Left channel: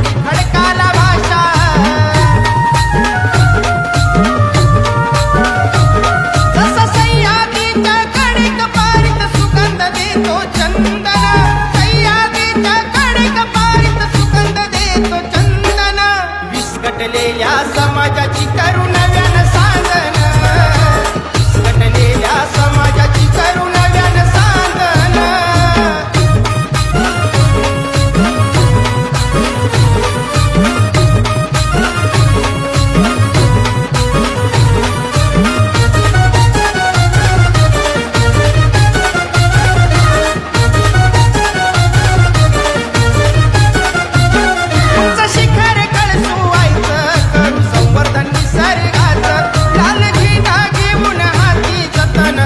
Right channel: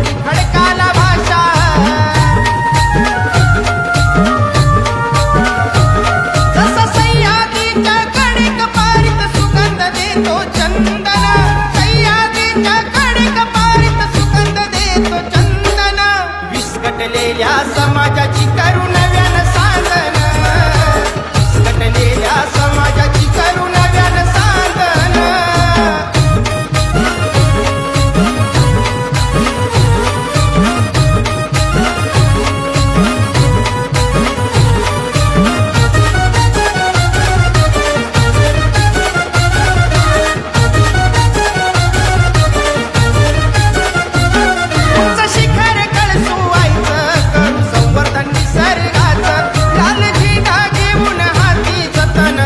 गोडी खडकाला भाषा जसा सह्याद्रीच्या कडेकपारीत सुगंध देतो चंदन सह्याद्रीच्या कडेकपारीत सुगंध देतो चंदन विस्कटलेल्या समाजाची करू नव्यानं सांगन विस्कटलेल्या समाजाची करू नव्यानं सांगन उंच शिखर कळसुवायचं करू संवर्धन निसर्गाचं लाल झेंडा घेऊन हाती जतन